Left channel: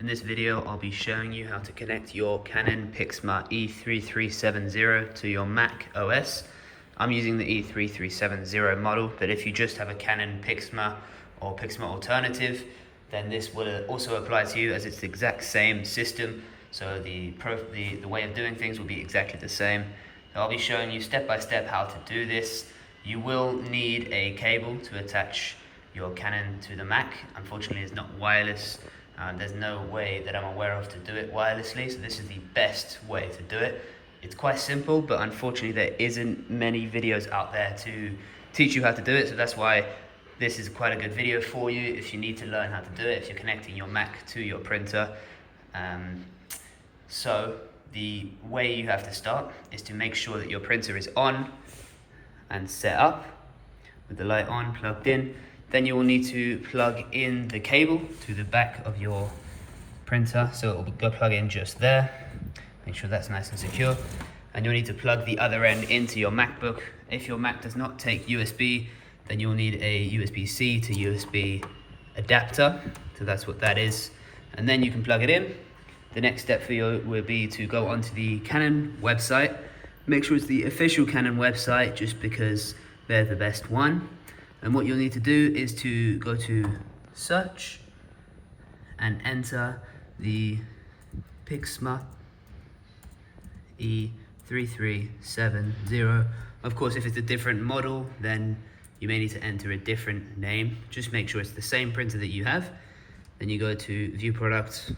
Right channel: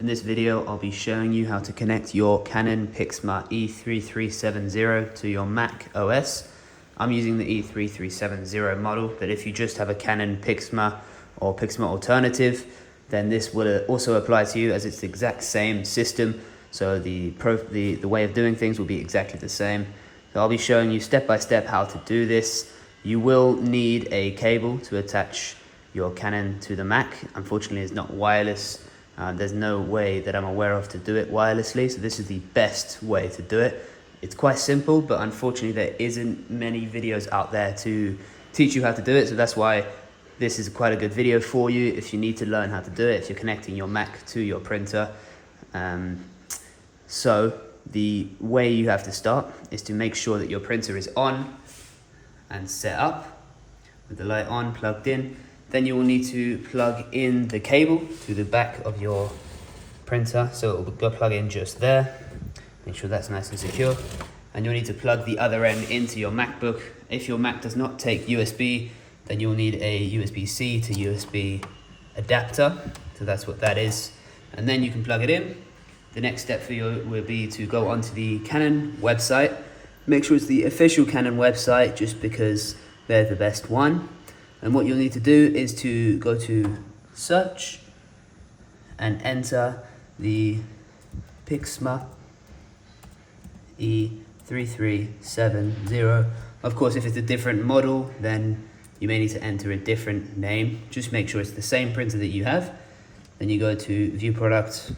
In this video, I'll be showing you how to connect your Canon Pixma E3370 to your Mac OS. I'm using the E3370 model, but if you just have a Canon Pixma or Pixma alternative, then this will also apply to you, as it's the exact same system. So the way of doing things will be exactly the same. So I'll be showing you step by step how to do this. You will need a cable to attach your Canon to the Mac. Unfortunately, it's not wireless. There's no way that I'm aware of to do it wirelessly, so this is the best way to do it. It's quite simple, but unfortunately there isn't many videos out there to teach you how to do it, so that's why this is quite a good video for you if you need to learn how to do it, if you're connecting your Mac to your printer. So the way you have to start is to make sure that your printer is on and set up with the light on, plugged in. Then you will need to plug in the cable to the back of your printer. So it will go plug in just there. Make sure that's nice and secure. And you'll need to plug the other end into your MacBook. If your Mac does not take USB, then you'll need a USB-C to USB adapter. So that's what that is. And then you can plug it in. The next step for you will be to go onto the Canon website. Make sure it's the official Canon website, just because they're the best one. And what you'll need to do is to go to search and enter the Pixma E3370. Of course, if it's a different model, then you may need to enter a different name. Just make sure it's the same printer that you have. Then you go to view products.